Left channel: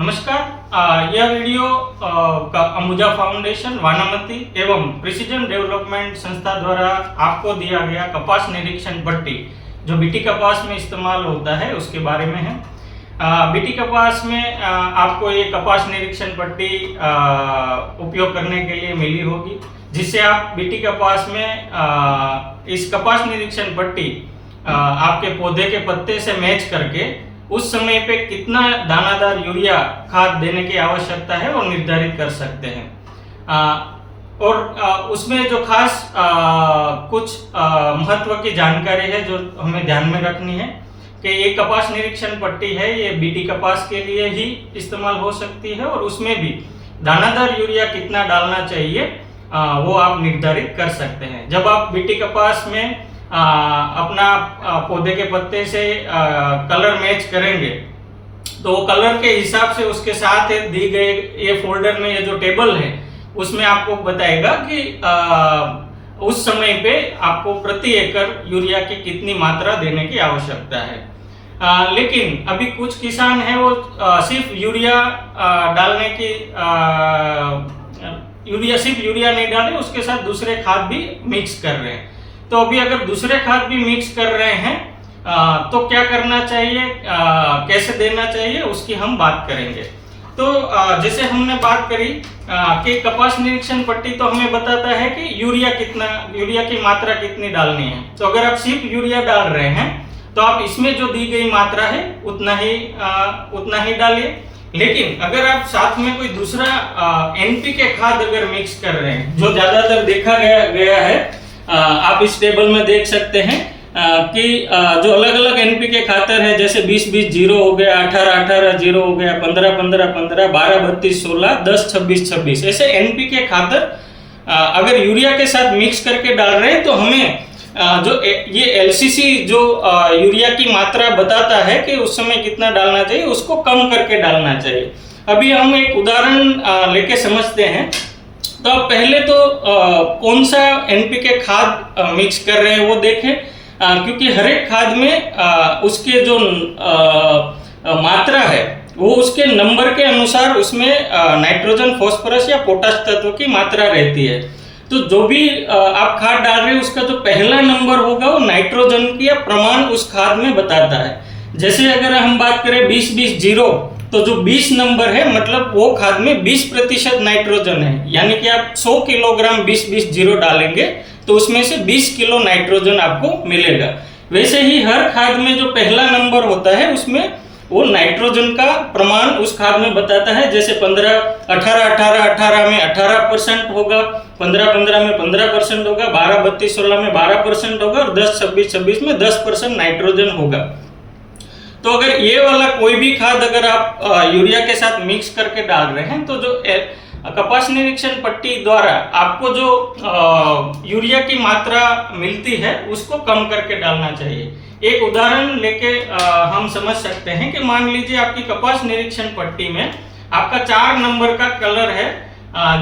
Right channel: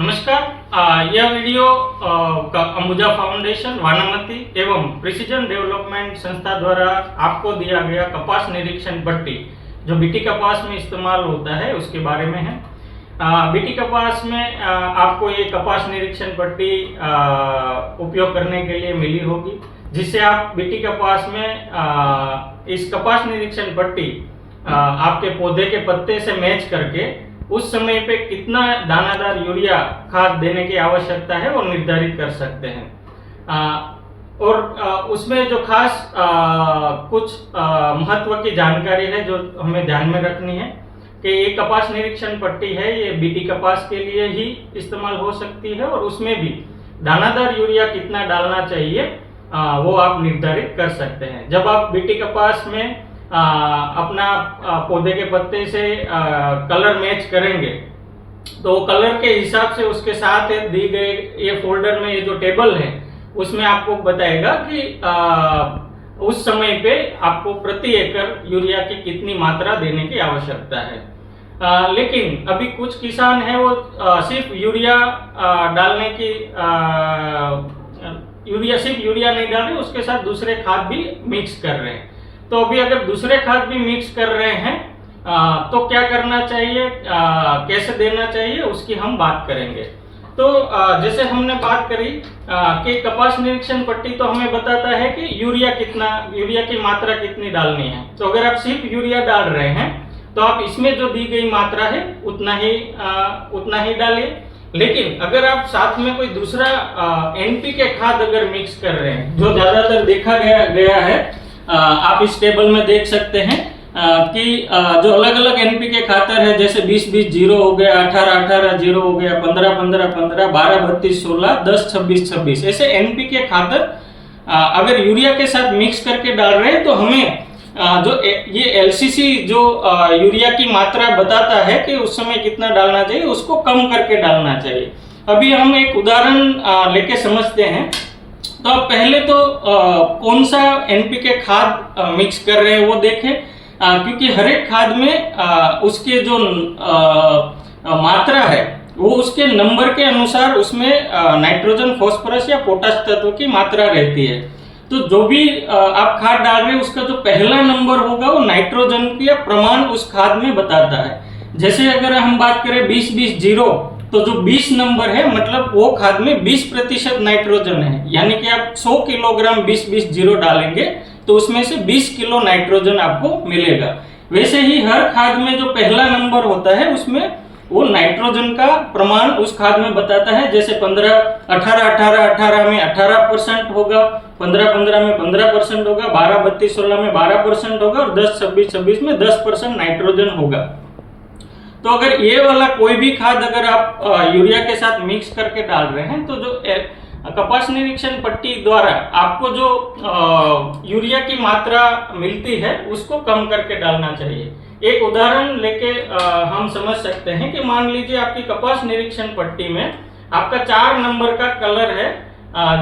नमस्कार यह वीडियो का अंबुजा फाउंडेशन वानामती एवं प्रिसीजन डेवलपमेंट संस्था द्वारा आपको दिया गया कपास निरीक्षण पट्टी जो बीटी कपास में इस्तेमाल होता है उसके बारे में है। बीटी कपास में आपको ये कपास निरीक्षण पट्टी आ, उपयोग करने के लिए मिली होगी जिससे आप बीटी कपास में इस कपास निरीक्षण पट्टी आ, आपके पौधे के पत्ते से मैच करके उस समय पे कितना दानादार यूरिया खाद देने की आवश्यकता है वो निर्धारित कर सकते हैं। आ, और आ, उसमें जो खास आ, कुछ महत्व की जानकारी है जो हमें ध्यान में रखनी है कि ये कपास निरीक्षण पट्टी है ये बीटी कपास के लिए ही इस्तेमाल हो सकती है और उसमें भी दानादार यूरिया कितना डालना चाहिए आ, वो आप निर्धारित कर सकते हैं। जब आप बीटी कपास में आ, अपना पौधे के पत्ते से आ, कलर मैच करेंगे। तो कलर के हिसाब से उसके साथ दी गए ये फोल्डर में ये जो टेबल है उसमें आपको बताएगा कि आ, उस समय पे आपको प्रति एकड़ यूरिया की कितनी मात्रा देने की आवश्यकता है। आ, लेकिन अभी कुछ किसान हैं वो आ, सिर्फ़ यूरिया आ, डालने की आ, यूरिया सिर्फ़ यूरिया नहीं डाल रहे उसके साथ दूसरे खाद भी मिक्स कर रहे हैं। तो अभी अगर दूसरे खाद भी मिक्स कर रहे हैं आ, तो क्या करना चाहिए? आ, कैसे देना चाहिए? उसकी हम बात करेंगे। तो आ, जैसे हमने बात करी कि कपास निरीक्षण पट्टी तो हमें बताता है कि यूरिया कितना यूरिया की मात्रा कितनी डालनी है। तो अगर आप सिर्फ़ यूरिया डाल रहे हैं तो आप इसमें जो दी गई मात्रा है उतना ही उतना ही डालिए। लेकिन अगर आप साथ में कोई दूसरा एनपी के खाद अगर मिक्स कर रहे हैं जो ज़्यादातर देखा गया गया है आप इस टेबल में देख सकते हैं कि जो अलग अलग एनपी के खातर है जैसे 20 20 ज़ीरो हो गया 18 18 ज़ीरो हो गया 15 15 15 12 32 16 10 26 26 ऐसे एनपीके खातर आ, अगर यूरिया के साथ मिक्स करके डाल रहे हैं तो हमें जो ये एलसीसी जो यूरिया की मात्रा बताता है कि उस समय कितना डालना चाहिए उसको कम करके डालना चाहिए। अभी हम एक उदाहरण लेके समझते हैं। तो आप पहले तो कौन सा एनपीके खाद मिक्स कर रहे हैं वो देखें। क्योंकि हर एक खाद में आ, उसके जो आ, मात्रा है वो उसके नंबर के अनुसार उसमें नाइट्रोजन फास्फोरस या पोटास तत्व की मात्रा रहती है। तो जो भी आप खाद डाल रहे हैं उसका जो पहला नंबर होगा वो नाइट्रोजन की प्रमाण उस खाद में बताता है। जैसे अगर हम बात करें बीस बीस ज़ीरो तो जो 20 नंबर है मतलब वो खाद में 20 प्रतिशत नाइट्रोजन है। यानी कि आप 100 किलोग्राम 20 20 ज़ीरो डालेंगे तो उसमें से 20 किलो नाइट्रोजन आपको मिलेगा। वैसे ही हर खाद में जो पहला नंबर होता है, उसमें वो नाइट्रोजन का प्रमाण उस खाद में बताता है। जैसे 15 18 18 18 में 18 परसेंट होगा 15 15 में 15 परसेंट होगा 12 32 16 में 12 परसेंट होगा, और 10 26 26 में 10 परसेंट नाइट्रोजन होगा। तो अगर ये वाला कोई भी खाद अगर आप यूरिया के साथ मिक्स करके डाल रहे हैं तो जो कपास निरीक्षण पट्टी द्वारा आपको जो यूरिया की मात्रा मिलती है, उसको कम करके डालना चाहिए। एक उदाहरण लेके हम समझ सकते हैं कि मान लीजिए आपकी कपास निरीक्षण पट्टी में आपका चार नंबर का कलर है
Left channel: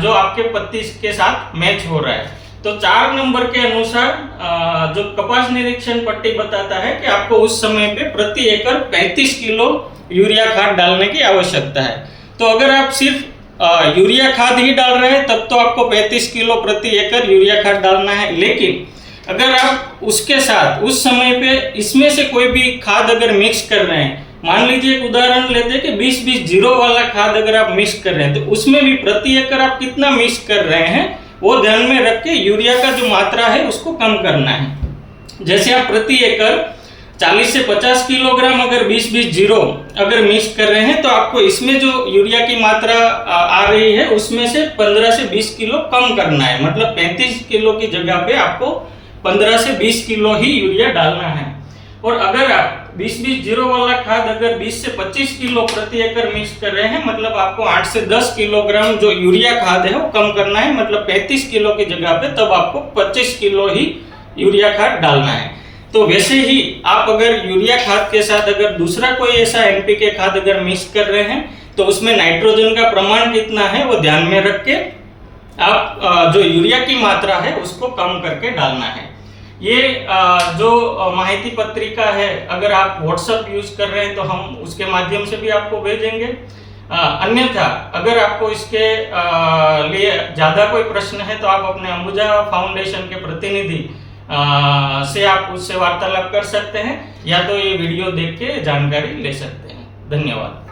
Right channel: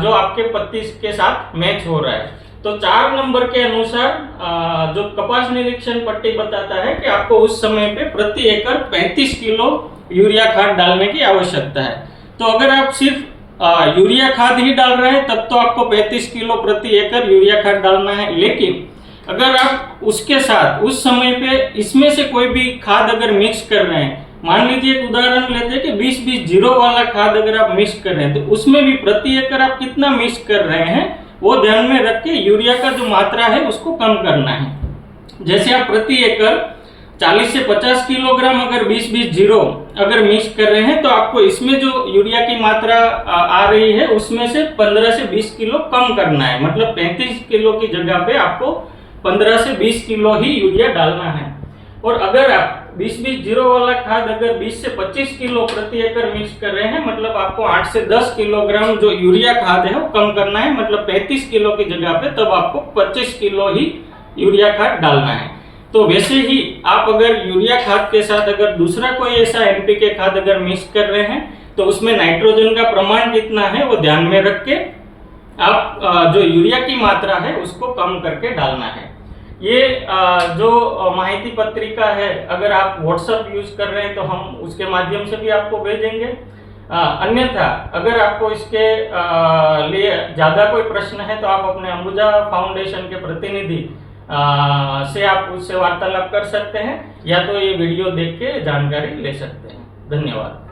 जो आपके पत्ती के साथ मैच हो रहा है। तो चार नंबर के अनुसार जो कपास निरीक्षण पट्टी बताता है कि आपको उस समय पे प्रति एकड़ 35 किलो यूरिया खाद डालने की आवश्यकता है। तो अगर आप सिर्फ़ यूरिया खाद ही डाल रहे हैं, तब तो आपको 35 किलो प्रति एकड़ यूरिया खाद डालना है। लेकिन अगर आप उसके साथ, उस समय पे इसमें से कोई भी खाद अगर मिक्स कर रहे हैं, मान लीजिए एक उदाहरण लेते हैं कि 20 20 ज़ीरो वाला खाद अगर आप मिक्स कर रहे हैं तो उसमें भी प्रति एकड़ आप कितना मिक्स कर रहे हैं? वो ध्यान में रख के यूरिया का जो मात्रा है उसको कम करना है। जैसे आप प्रति एकड़ 40 से 50 किलोग्राम अगर 20 20 ज़ीरो अगर मिक्स कर रहे हैं तो आपको इसमें जो यूरिया की मात्रा, आ रही है, उसमें से 15 से 20 किलो कम करना है। मतलब 35 किलो की जगह पे आपको 15 से 20 किलो ही यूरिया डालना है। और अगर 20 20 ज़ीरो वाला खाद अगर 20 से 25 किलो प्रति एकड़ मिक्स कर रहे हैं मतलब आपको 8 से 10 किलोग्राम जो यूरिया खाद है वो कम करना है मतलब 35 किलो की जगह पे तब आपको 25 किलो ही यूरिया खाद डालना है। तो वैसे ही आप अगर यूरिया खाद के साथ अगर दूसरा कोई ऐसा एनपीके खाद अगर मिक्स कर रहे हैं तो उसमें नाइट्रोजन का प्रमाण कितना है वो ध्यान में रख के आप जो यूरिया की मात्रा है उसको कम करके डालना है। ये जो माहिती पत्रिका है, अगर आप व्हाट्सएप यूज़ कर रहे हैं तो हम उसके माध्यम से भी आपको भेजेंगे। अन्यथा, अगर आपको इसके लिए ज़्यादा कोई प्रश्न है तो आप अपने अंबुजा फाउंडेशन के प्रतिनिधि से आप उससे वार्तालाप कर सकते हैं, या तो ये वीडियो देख के जानकारी ले सकते हैं। धन्यवाद।